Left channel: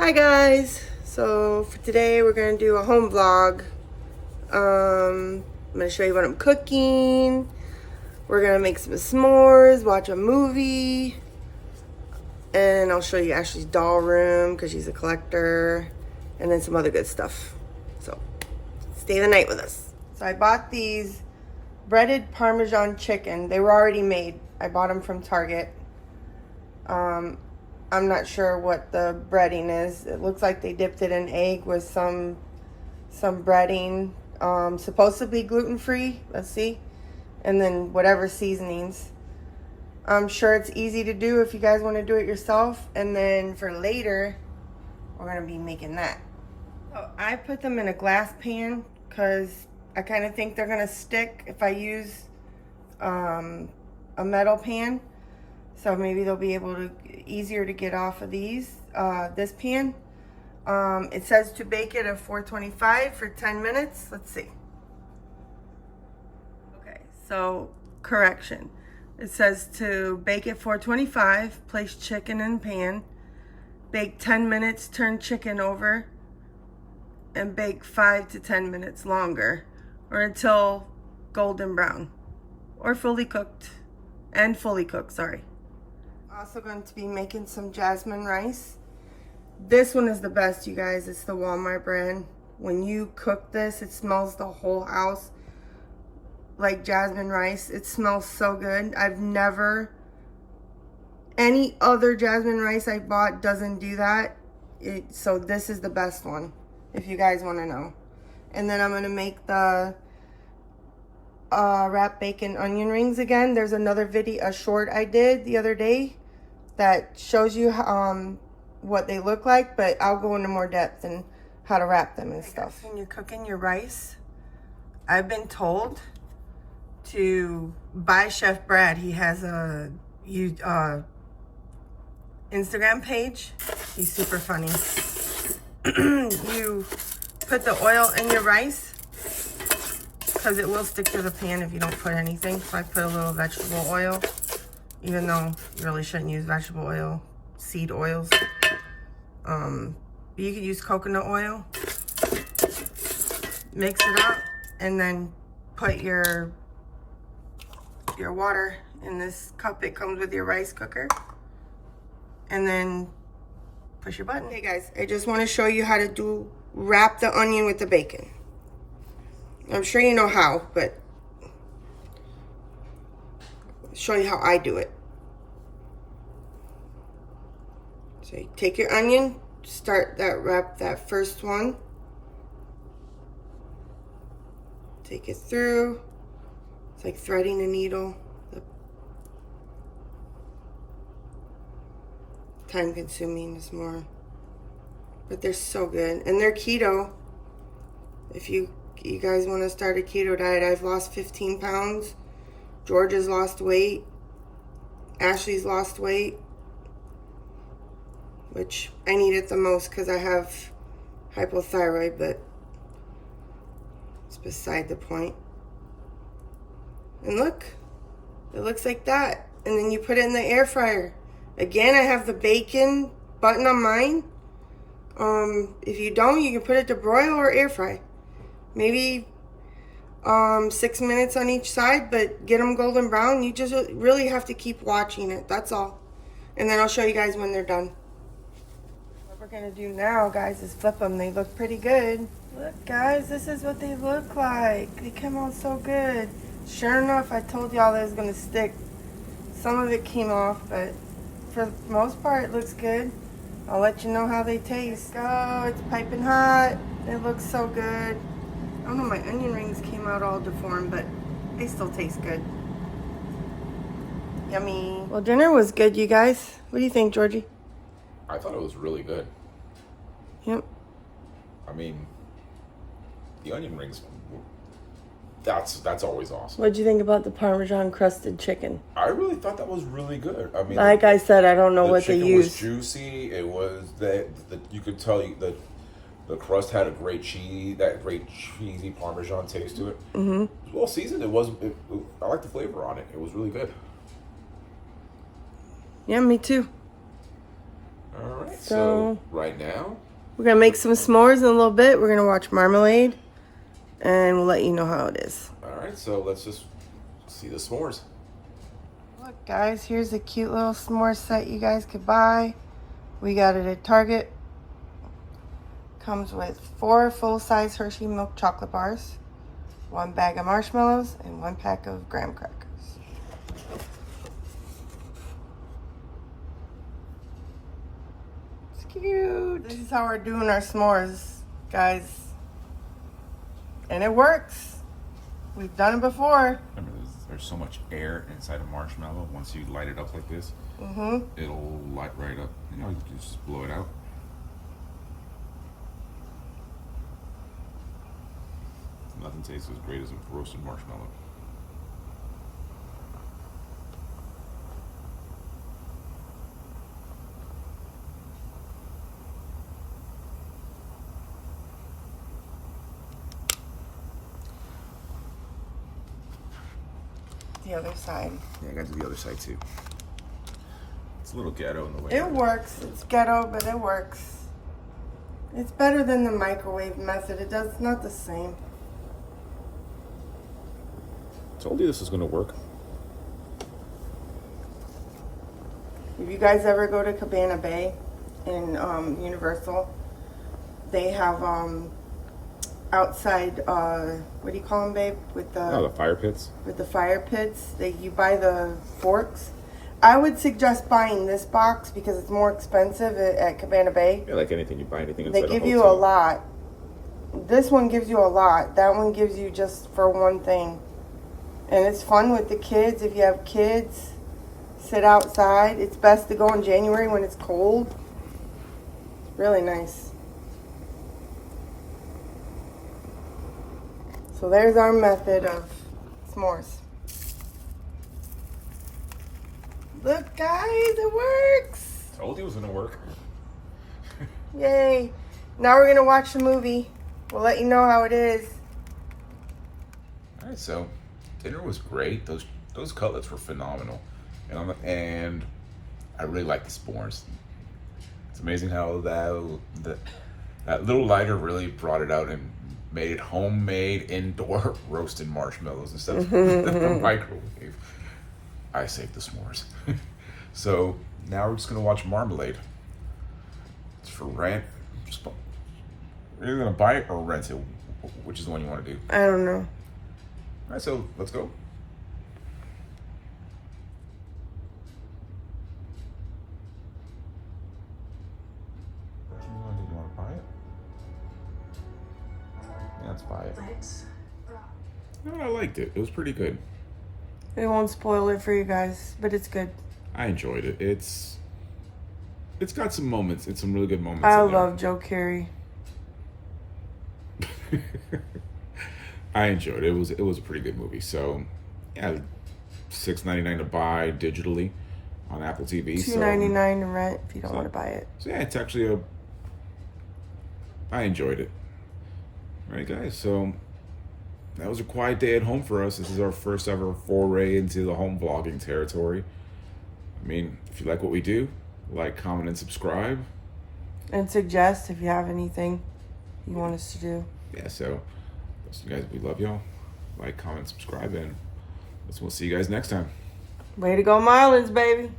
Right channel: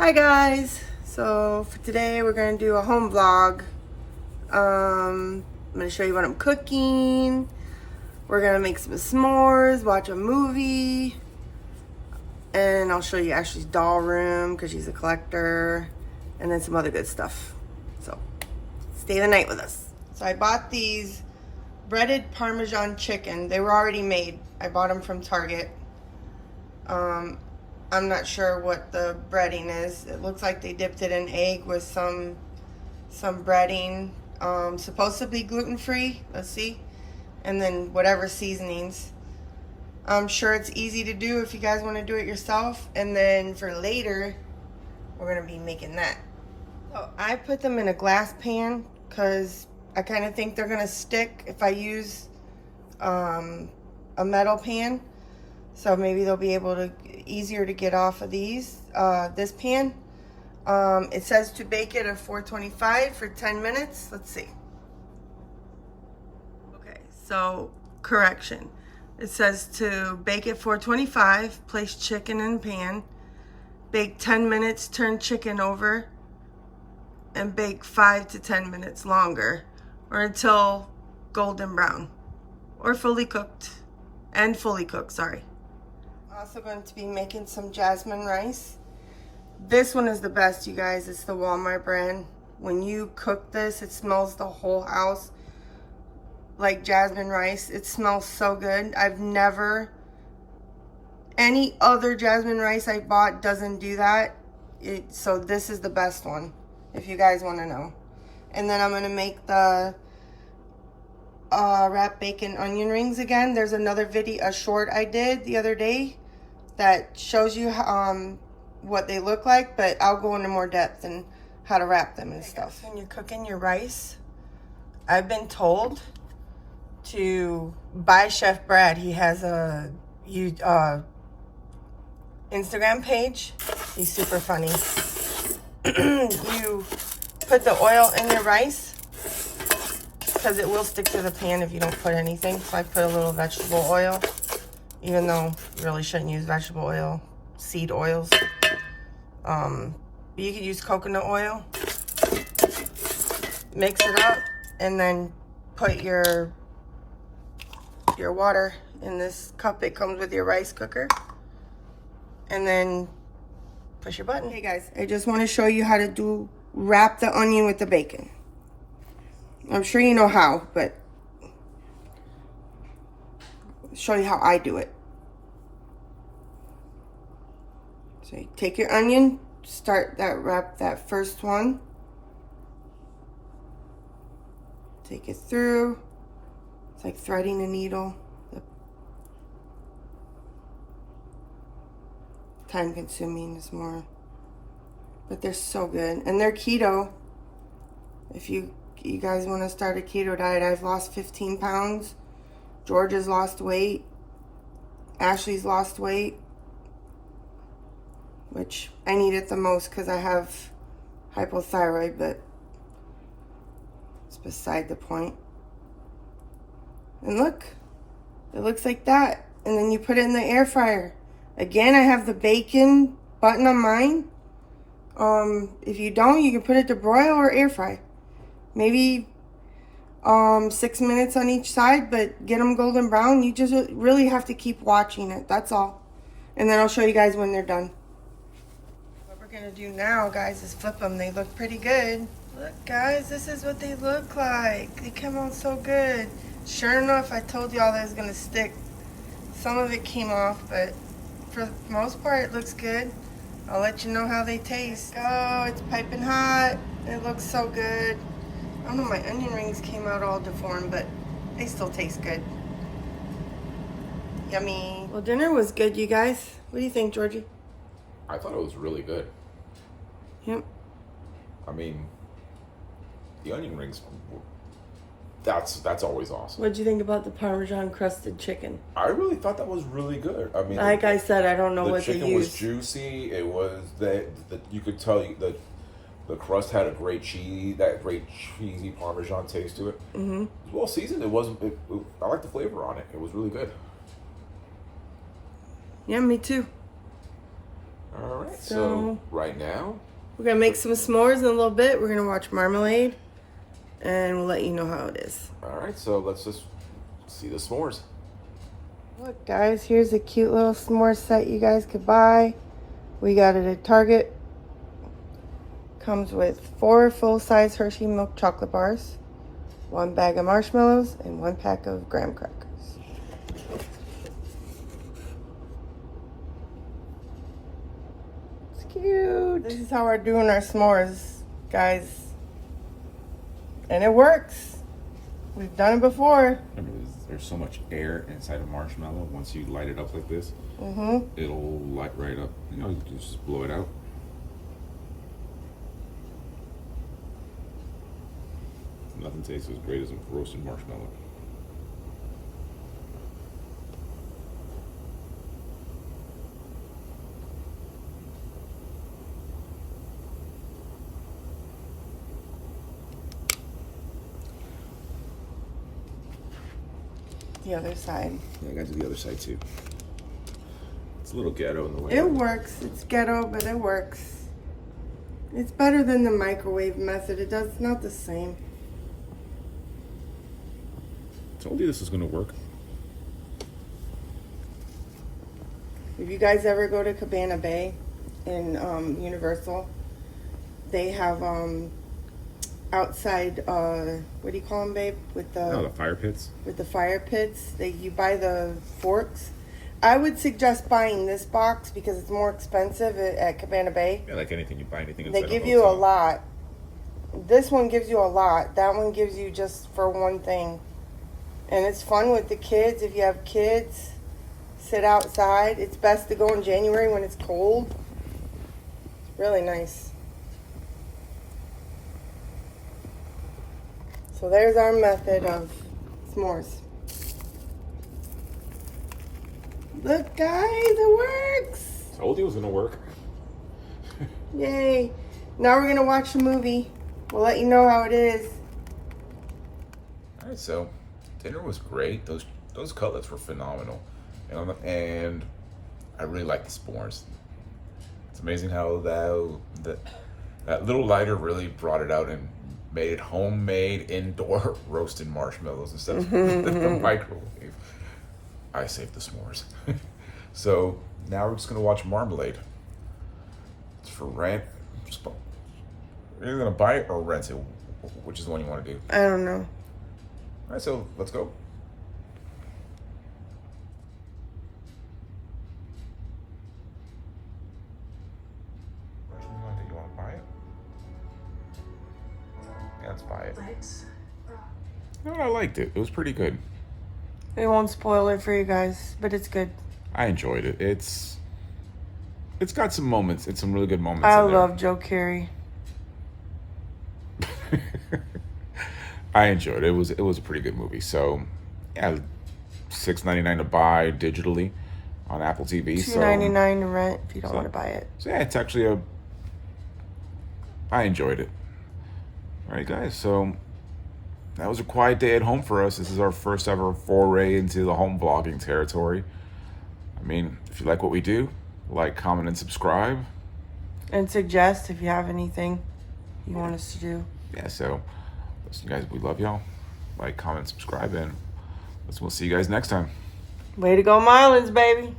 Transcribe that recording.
Hi guys, so for today we're going to do a home vlog. I'm going to show you what I'm cooking. We're going to make some s'mores, watch a movie, and I'll show you Ashley's doll room because she's a collector, and then some other good stuff. So stay the night with us. So I bought these breaded Parmesan chicken. They were already made. I bought them from Target. I'm not sure what the breading is. It looks like they dipped it in egg with some breading. Supposed to be gluten-free. Let's see. And then whatever seasonings. I'm sure it's easy to do if you guys want to do it yourself. And then for later, we're going to be making that. So I put them in a glass pan because I kind of think they're going to stick if I use a metal pan. So maybe they'll be able to easier to get off of these. This pan. It says to bake it at 425 for 10 minutes. Let's see. Okay, so correction. It says to bake at 425, place chicken in pan, bake 10 minutes, turn chicken over, and bake 5 to 10 minutes longer, or until golden brown, or fully cooked, sorry. Also going to be making some jasmine rice. This one is the best, you guys. It's the Walmart brand. When you cook this, it smells the whole house like jasmine rice. It smells so good. Any other jasmine rice I bought doesn't do that. So this is the best one, if you guys want to know. And then I'm going to make the wrapped bacon onion rings again. There's another video, a short I did the other day that shows you what they look like, but I'll go into more depth and how to wrap them and stuff. When you're cooking your rice, I've been told to buy Chef Brad. He has a Instagram page. He's super funny. You put the oil in your rice because it will stick to the pan if you don't put anything. So I put a little vegetable oil, even though you really shouldn't use vegetable oil, seed oils. You can use coconut oil. Mix it up and then put your water in this cup. It comes with your rice cooker. And then push your button. Hey guys, I just want to show you how to wrap the onion with the bacon. I'm sure you know how, but I'll show you how I do it. So you take your onion, wrap that first one. Take it through. It's like threading a needle. Time consuming is more, but they're so good. And they're keto. If you guys want to start a keto diet, I've lost 15 pounds. Georgia's lost weight. Ashley's lost weight, which I need it the most because I have hypothyroid, but it's beside the point. And look, it looks like that. And then you put it in the air fryer. Again, I have the bacon button on mine. If you don't, you can put it to broil or air fry. Maybe 6 minutes on each side, but get them golden brown. You just really have to keep watching it. That's all. And then I'll show you guys when they're done. What we're going to do now, guys, is flip them. They look pretty good. Look, guys, this is what they look like. They come out so good. Sure enough, I told y'all that it was going to stick. Some of it came off, but for the most part, it looks good. I'll let you know how they taste. Oh, it's piping hot. It looks so good. I don't know, my onion rings came out all deformed, but they still taste good. Yummy. Well, dinner was good, you guys. What do you think, Georgie? I thought it was really good. Yep. I mean, the onion rings, that's always awesome. What'd you think about the Parmesan crusted chicken? I really thought that was really good. I mean, like I said, I don't know what they used. The chicken was juicy. It was you could tell the crust had a great cheesy Parmesan taste to it. Mm-hmm. It was well seasoned. I like the flavor on it. It was really good. Yeah, me too. All right. So So right now, we're gonna make some s'mores in a little bit. We're gonna watch Marmaleade, and we'll let you know how it is. all right. So let's just see the s'mores. Look, guys, here's a cute little s'more set you guys could buy. We got it at Target. Comes with 4 full-size Hershey milk chocolate bars, 1 bag of marshmallows, and 1 pack of graham crackers. It's cute. This is how we're doing our s'mores, guys. And it works. We've done it before. Remember, there's so much air inside a marshmallow. Once you light it up like this, it'll light right up. You know, you can just blow it out. Nothing tastes as great as a roasted marshmallow. The other side. Yeah, I got to the other side too. It's a little ghetto in the way. It works. It's ghetto, but it works. It's better than the microwave method. It's not the same. Told you this was going to work. If you guys ever go to Cabana Bay in Universal, they have outside, what do you call them, babe? With The fire pits. with the fire pits. You buy the forks. I would suggest buying this box because it's more expensive at Cabana Bay. Yeah, like anything, you buy anything They inside give a you a hotel. lot. This one gives you a lot. That one gives you just for one thing. And it's fun with the kids. If you have kids, sit outside. It's best to go in January when it's cold. It's really nice. So there's our method of s'mores. Look, guys, it works. Told you it was going to work. Yay. Now we're going to watch the movie. We'll let you know how it is. All right. So dinner was great. Those cutlets were phenomenal, and I really like the s'mores. It's amazing how that little lighter really brought it out and made it homemade indoor roasted marshmallows instead of the microwave. I saved the s'mores. So now we're just gonna watch Marmalade. For rent, are you gonna buy it or rent it? Which is the one you want to do? I don't know. All right, so let's go. Which one do you want to buy it? Yeah, let's buy it. No, I liked it. It was pretty good. We won't spoil it for you guys, but it's good. I enjoyed it. It's got some moments. It's some really good moments. I in there. love Joe Carey. I enjoyed it. It was a pretty good movie. So, yeah, $6.99 to buy digitally on Apple TV. $2.99 to rent if you don't want to buy it. So yeah, it's actually I enjoyed it. All right, guys. So that was a quiet day at home for us. This is our first ever foray into the home vlogging territory. I mean, if you like what we do, like, comment, and subscribe. And suggest if you have anything you want us to do. Yeah, so listen, guys, we love y'all. Like, comment, subscribe, and we'll see you guys next time. Way to go, Marlins, baby.